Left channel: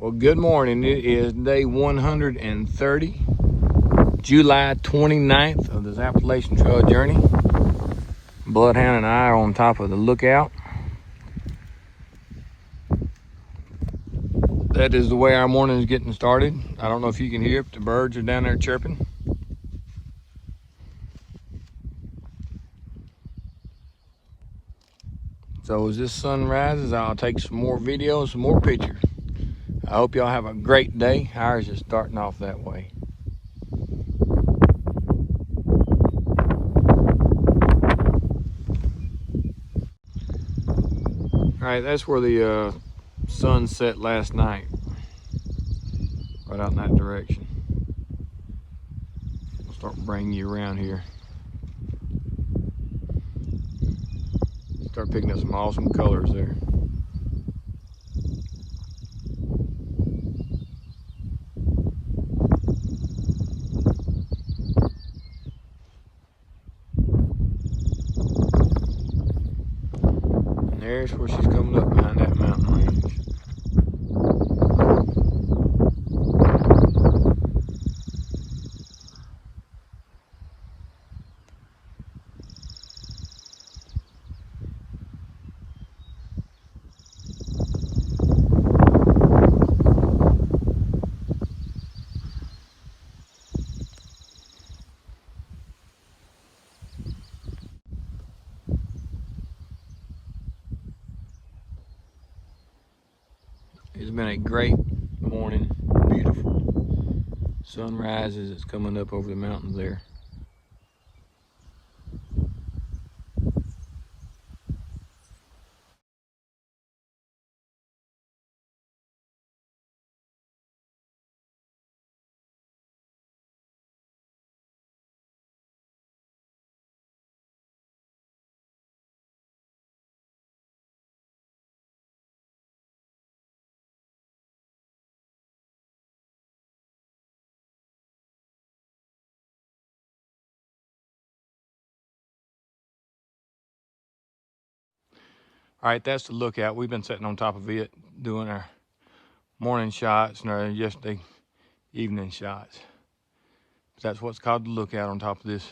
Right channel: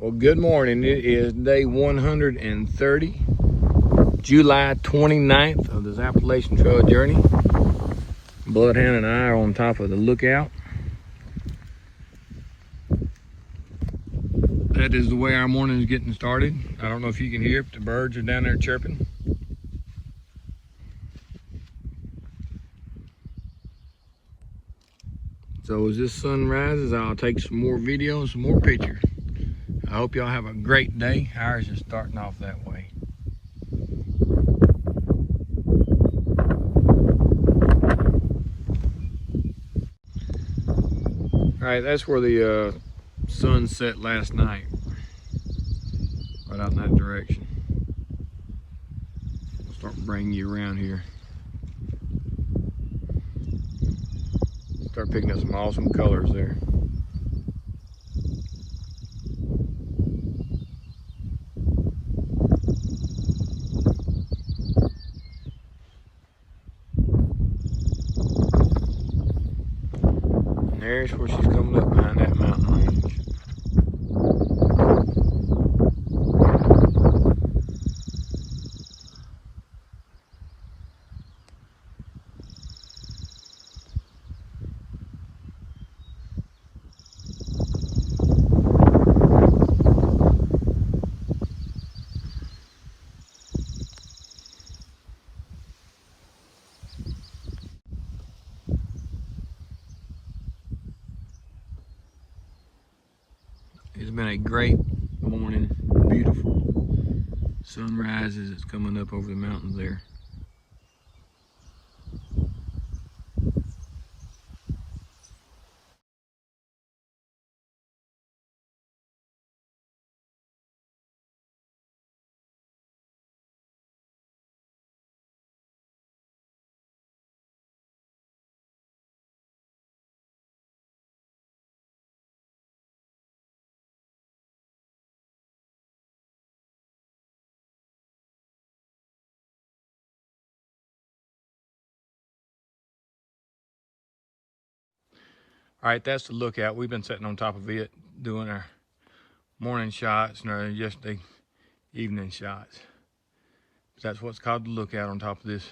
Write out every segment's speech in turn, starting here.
Well, good morning. It is day 130, July 29th of this Appalachian Trail journey. Bloodhound and I are on top of the lookout. That is the way our morning is getting started. I don't know if you can hear it, the birds are down there chirping. So as this sun rises, I'll take some more videos, some more pictures. I hope y'all have a great day. Ours is starting off that way. All right, that's where the sun set last night, right out in that direction. I'll start bringing you around here. Start picking up some awesome colors there. And there's where she's coming up behind that mountain range. It's been a great morning, beautiful sunrise as it's coming up over the mountains there. All right, that's the lookout. We've been sitting on top of it doing our morning shots and our yesterday evening shots. That's what's called the lookout on top of this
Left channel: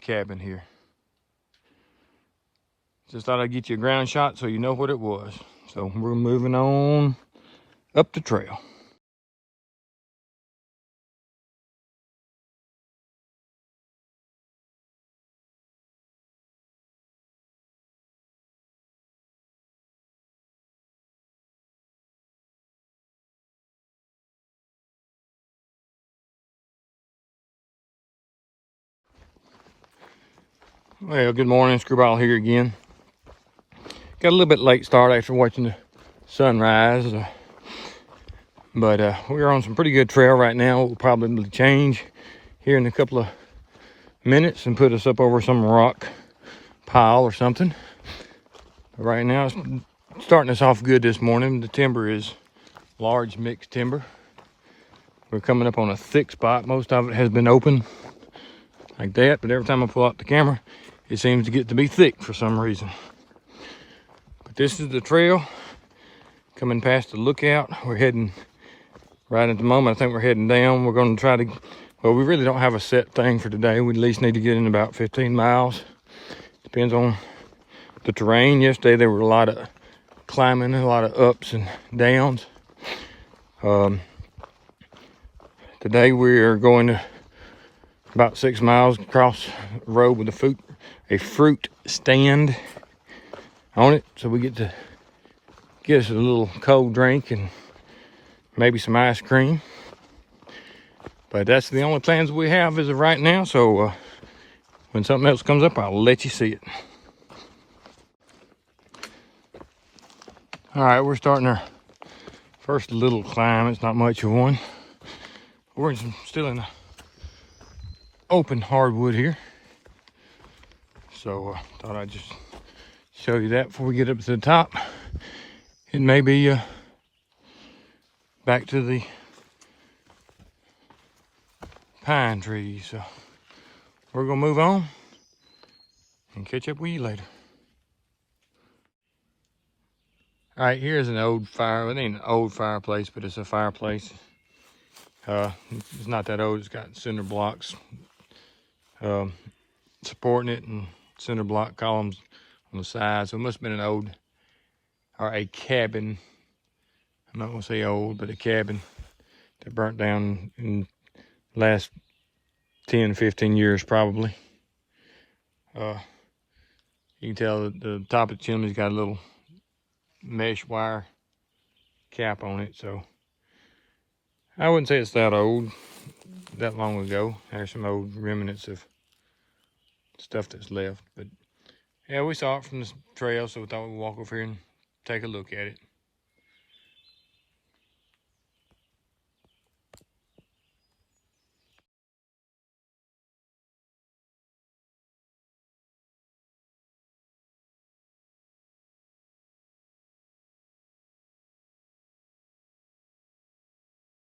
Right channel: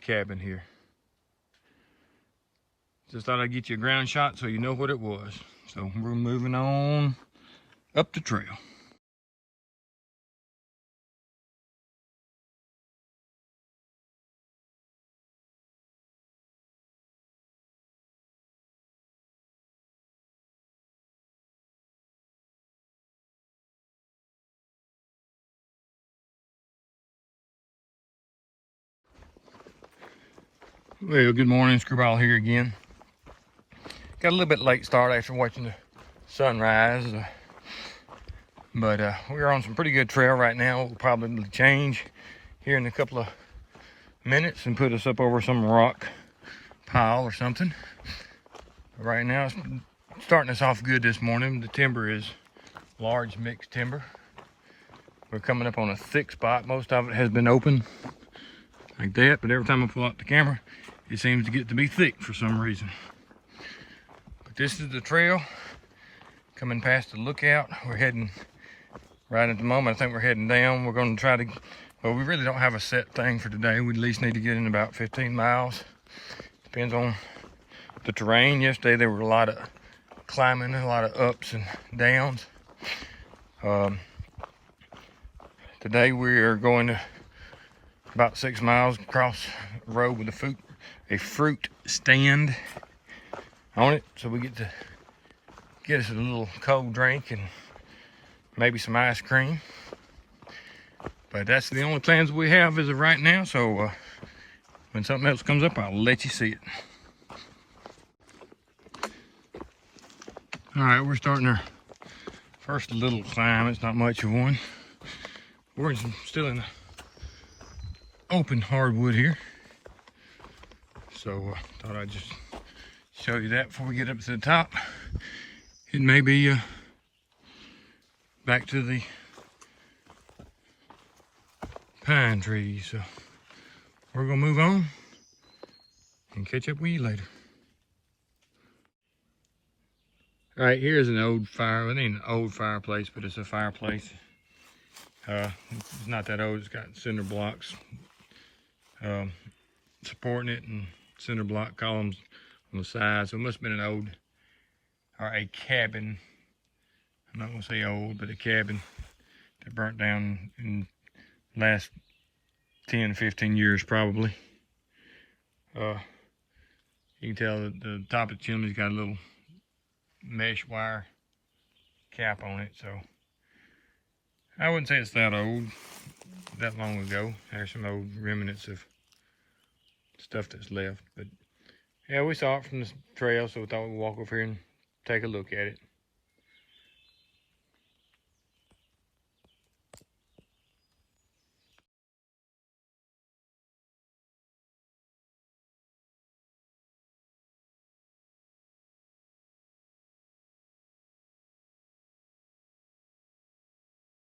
cabin here. Just thought I'd get you a ground shot so you know what it was. So we're moving on up the trail. Well, good morning, Screwball here again. Got a little bit late start after watching the sunrise, but we're on some pretty good trail right now. We'll probably change here in a couple of minutes and put us up over some rock pile or something. But right now it's starting us off good this morning. The timber is large mixed timber. We're coming up on a thick spot. Most of it has been open like that, but every time I pull out the camera, it seems to get to be thick for some reason. But this is the trail coming past the lookout. We're heading right at the moment. I think we're heading down. We're going to try to, well, we really don't have a set thing for today. We at least need to get in about 15 miles. Depends on the terrain. Yesterday there were a lot of climbing, a lot of ups and downs. Today we are going to about 6 miles across the road with a fruit stand on it, so we get to get us a little cold drink and maybe some ice cream. But that's the only plans we have as of right now, so when something else comes up, I'll let you see it. All right, we're starting our first little climb. It's not much of one. We're still in the open hardwood here, so thought I'd just show you that before we get up to the top. It may be back to the pine trees, so we're gonna move on and catch up with you later. All right, here's an old fire. It ain't an old fireplace, but it's a fireplace. It's not that old. It's got cinder blocks supporting it and cinder block columns on the side. So it must have been an old, or a cabin. I'm not gonna say old, but a cabin that burnt down in the last 10, 15 years probably. You can tell that the top of the chimney's got a little mesh wire cap on it, so I wouldn't say it's that old, that long ago. There's some old remnants of stuff that's left, but yeah, we saw it from the trail, so we thought we'd walk over here and take a look at it.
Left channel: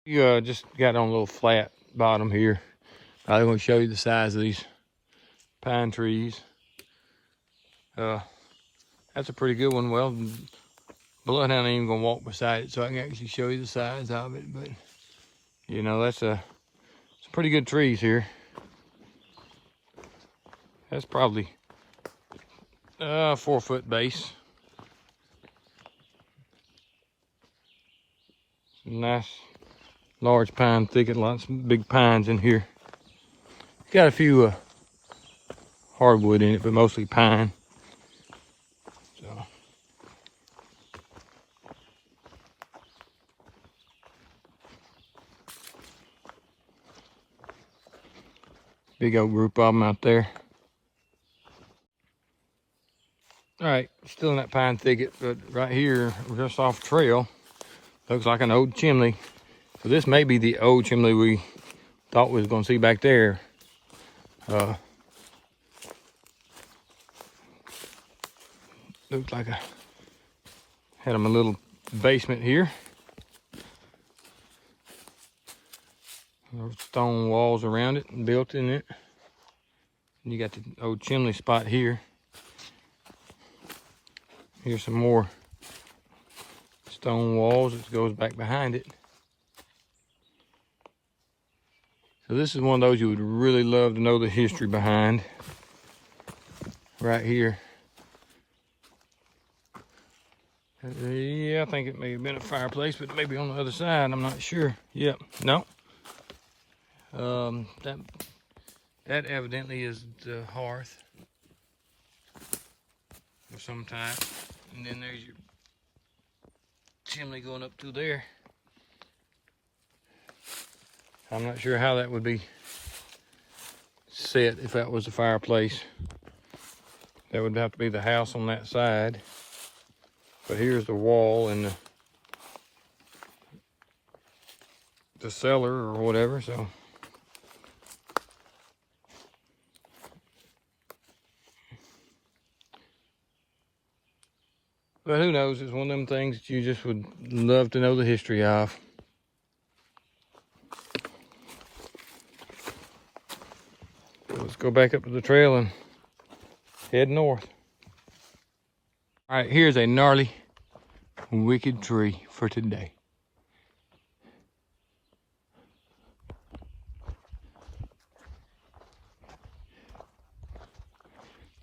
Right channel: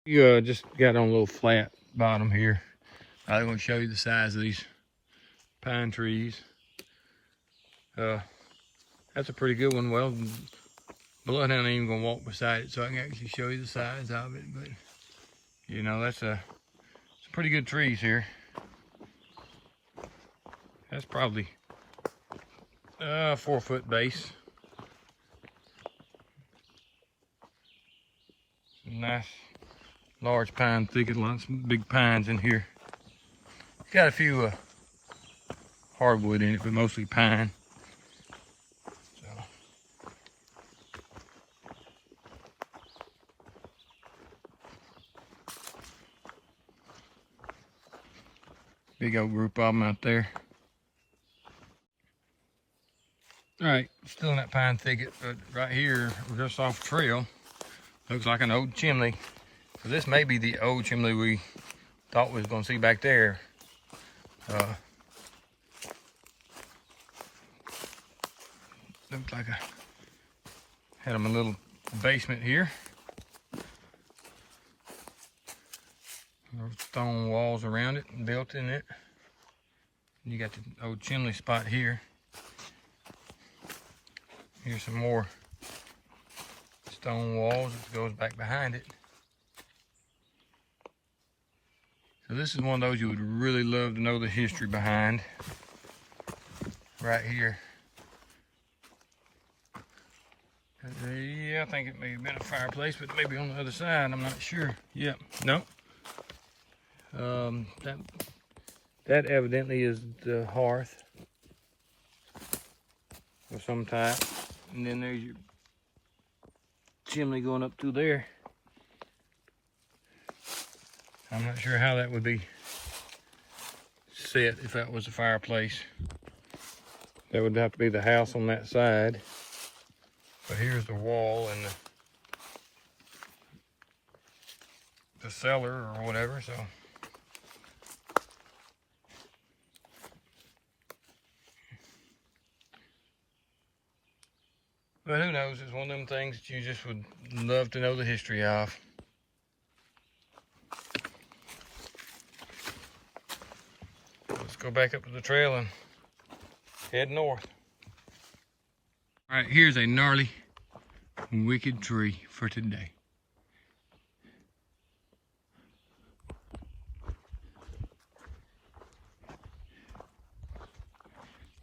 You just got on a little flat bottom here. I'm going to show you the size of these pine trees. That's a pretty good one. Well, Bloodhound ain't even going to walk beside it, so I can actually show you the size of it. But, you know, that's some pretty good trees here. That's probably 4-foot base. Some nice large pine thicket, lots of big pines in here. Got a few hardwood in it, but mostly pine. So. Big old group of them out there. All right, still in that pine thicket, but right here, we're just off the trail. Looks like an old chimney. So this may be the old chimney we thought we was gonna see back there. Looks like I had them a little basement here. There's stone walls around it and built in it. And you got the old chimney spot here. Here's some more stone walls that goes back behind it. So this is one of those you would really love to know the history behind. Right here. Yeah, I think it may have been a fireplace, but maybe on the other side, I'm not sure. Yep, no. That evidently is the hearth of some type. And then there's your chimney going up through there. I'm not sure how that would be set if that was a fireplace. That would have to be the house on that side. So here's the wall and the cellar or whatever. So but who knows? It's one of them things that you just would love to know the history of. Let's go back up to the trail and head north. All right, here's a gnarly, wicked tree for today.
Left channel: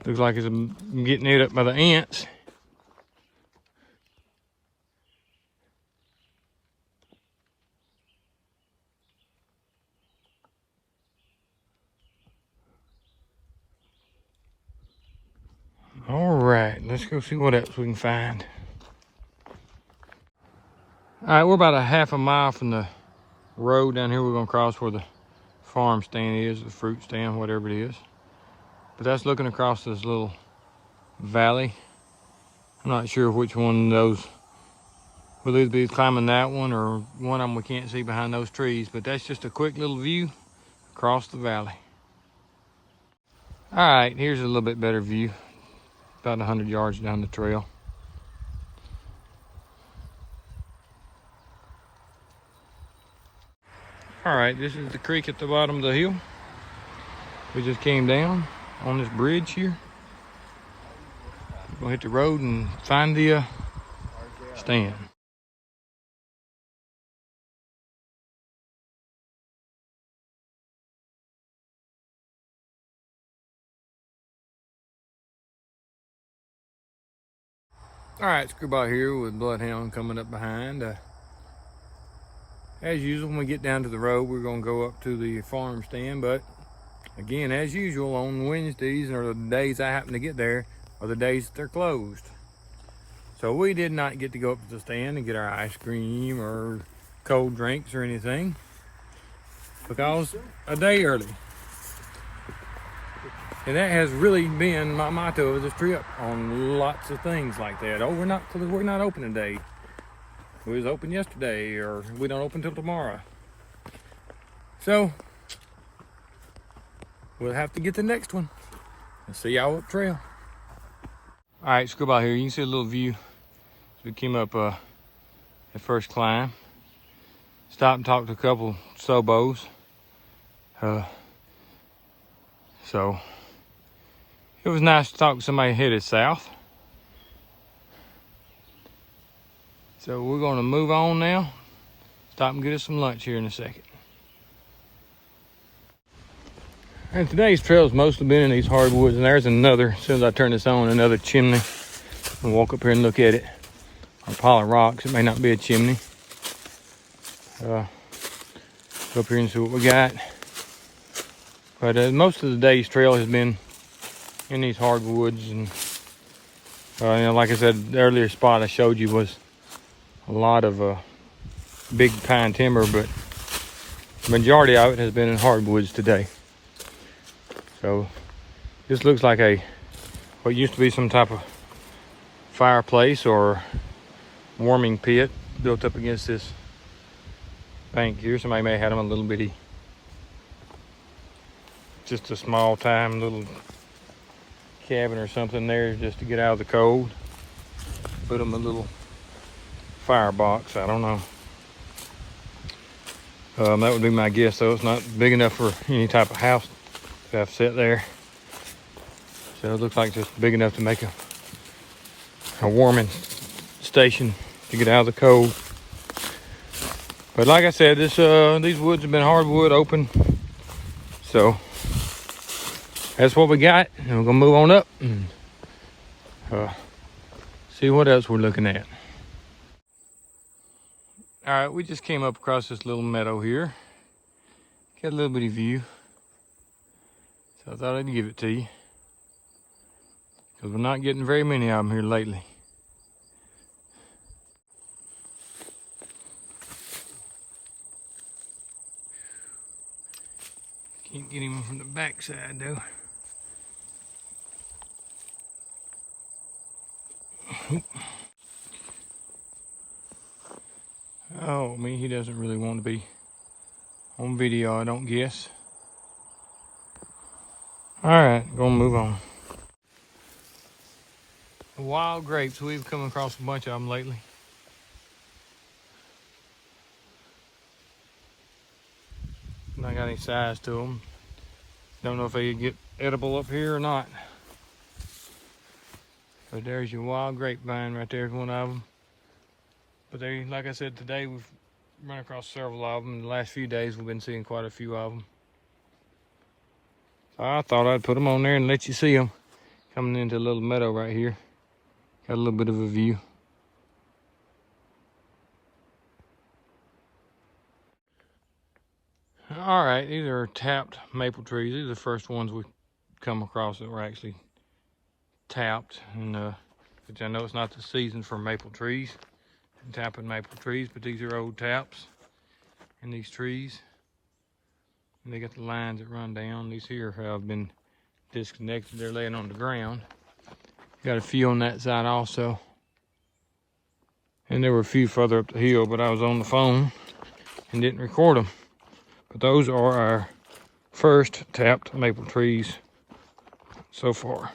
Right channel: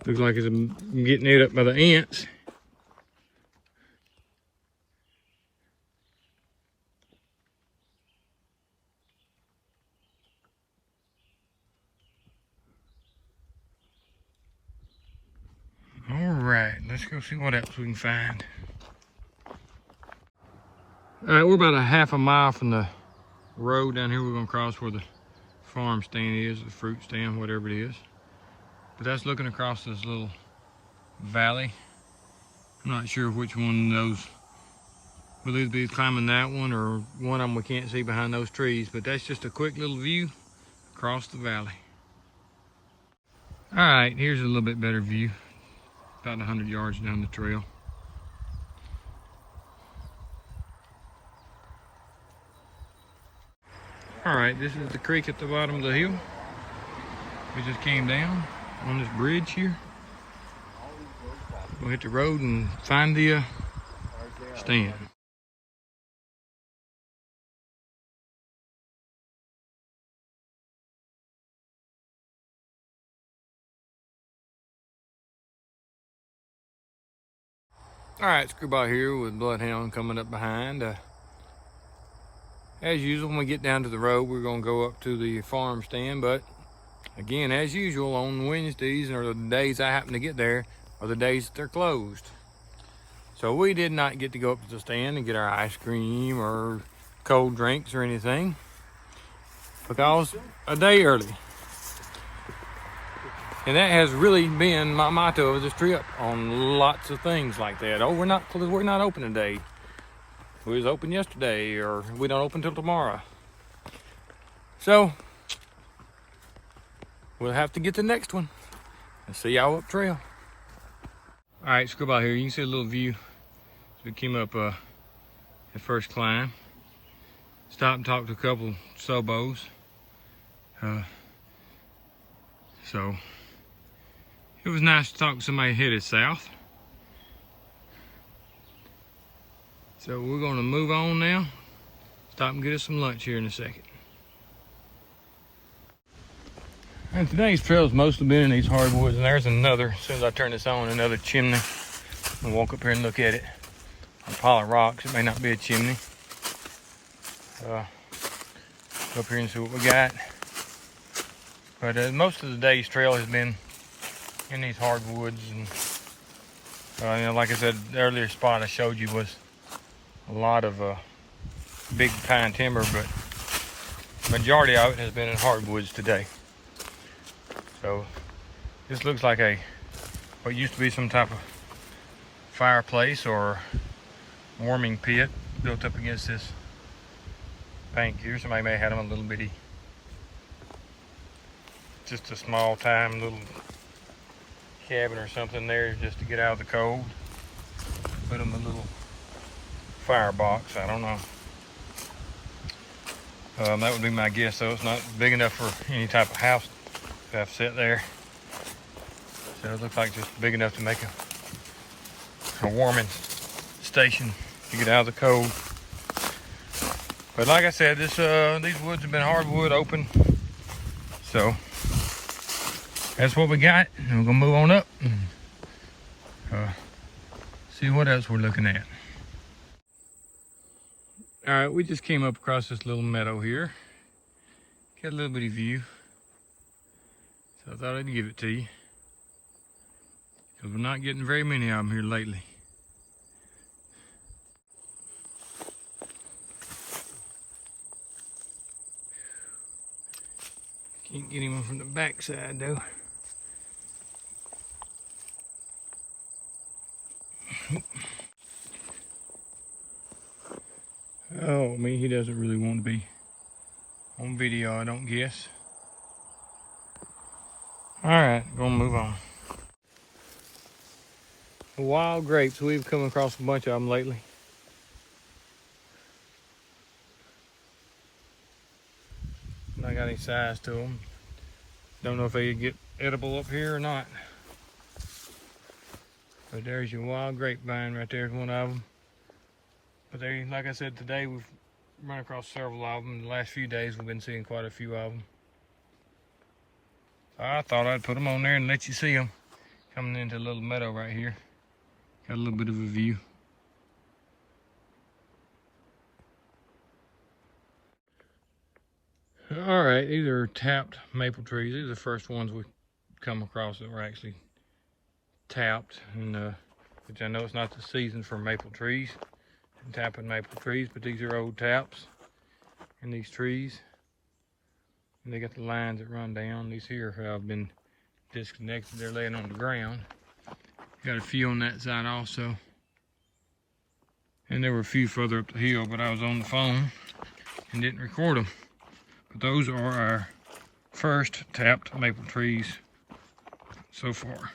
Looks like it's getting ate up by the ants. All right, let's go see what else we can find. All right, we're about a half a mile from the road down here. We're gonna cross where the farm stand is, the fruit stand, whatever it is. But that's looking across this little valley. I'm not sure which one of those will either be climbing that one or one of them we can't see behind those trees, but that's just a quick little view across the valley. All right, here's a little bit better view. About 100 yards down the trail. All right, this is the creek at the bottom of the hill. We just came down on this bridge here. We're gonna hit the road and find the stand. All right, Screwball here with Bloodhound coming up behind. As usual, when we get down to the road, we're gonna go up to the farm stand, but again, as usual, on Wednesdays or the days I happen to get there are the days that they're closed. So we did not get to go up to the stand and get our ice cream or cold drinks or anything because a day early. And that has really been my motto of this trip on lots of things like that. Oh, we're not open today. We was open yesterday, or we don't open till tomorrow. So we'll have to get the next one and see y'all up trail. All right, Screwball here. You can see a little view. We came up the first climb. Stopped and talked to a couple Sobos. So it was nice to talk to somebody headed south. So we're gonna move on now. Stop and get us some lunch here in a second. And today's trail's mostly been in these hardwoods, and there's another, as soon as I turn this on, another chimney. We'll walk up here and look at it. A pile of rocks, it may not be a chimney. Go up here and see what we got. But most of the day's trail has been in these hardwoods, and you know, like I said, the earlier spot I showed you was a lot of big pine timber, but the majority of it has been in hardwoods today. So this looks like what used to be some type of fireplace or warming pit built up against this bank here. Somebody may have had them a little bitty, just a small time little cabin or something there just to get out of the cold. Put them a little firebox, I don't know. That would be my guess though. It's not big enough for any type of house to have set there. So it looks like just big enough to make a warming station to get out of the cold. But like I said, these woods have been hardwood open. So that's what we got, and we're gonna move on up and see what else we're looking at. All right, we just came up across this little meadow here. Got a little bitty view, so I thought I'd give it to you, because we're not getting very many of them here lately. Can't get him from the back side though. Oh, me, he doesn't really want to be on video, I don't guess. All right, gonna move on. Wild grapes, we've come across a bunch of them lately. Not got any size to them. Don't know if they get edible up here or not. But there's your wild grapevine right there's one of them. But they, like I said, today we've run across several of them. In the last few days we've been seeing quite a few of them. So I thought I'd put them on there and let you see them. Coming into a little meadow right here. Got a little bit of a view. All right, these are tapped maple trees. These are the first ones we come across that were actually tapped. And which I know it's not the season for maple trees. Tapping maple trees, but these are old taps in these trees, and they got the lines that run down. These here have been disconnected, they're laying on the ground. Got a few on that side also, and there were a few further up the hill, but I was on the phone and didn't record them. But those are our first tapped maple trees so far.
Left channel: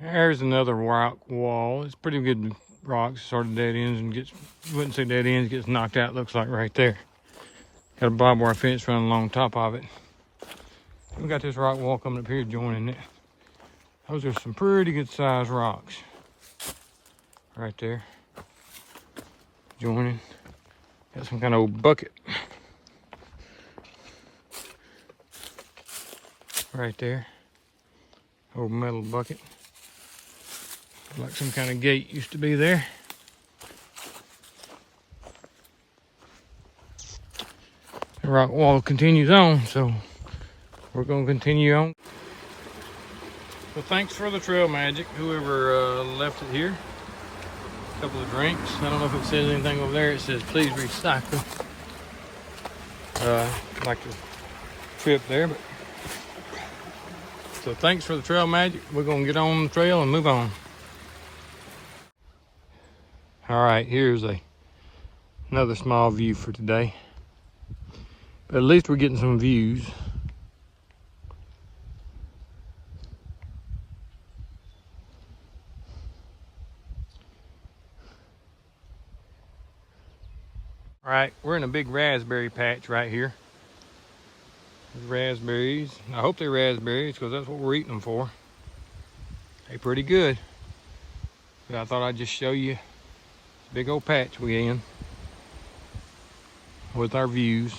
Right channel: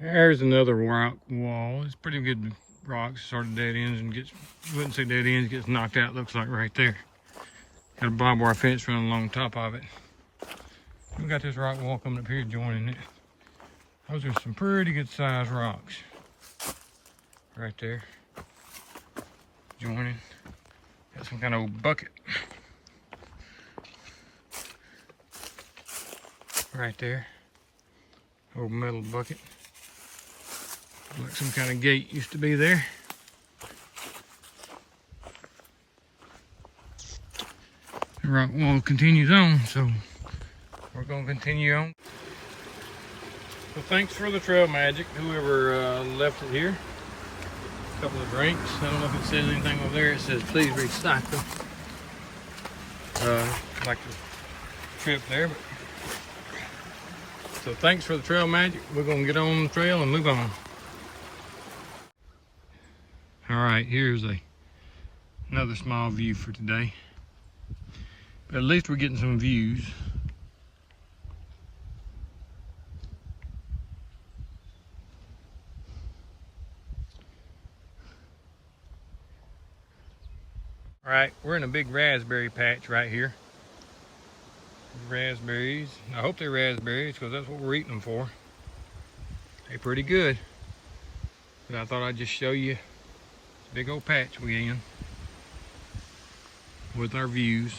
There's another rock wall. It's pretty good rocks, sort of dead ends, and wouldn't say dead ends, gets knocked out, looks like right there. Got a barbed wire fence running along top of it. We got this rock wall coming up here joining it. Those are some pretty good sized rocks. right there. Joining. Got some kind of old bucket. Right there. Old metal bucket. Like some kind of gate used to be there. The rock wall continues on, so we're going to continue on. So thanks for the trail magic, whoever left it here. A couple of drinks. I don't know if it says anything over there. It says please recycle. Like the trip there, but so thanks for the trail magic. We're gonna get on the trail and move on. All right, here's another small view for today. But at least we're getting some views. All right, we're in a big raspberry patch right here. There's raspberries. I hope they're raspberries because that's what we're eating them for. They're pretty good. But I thought I'd just show you big old patch we in with our views.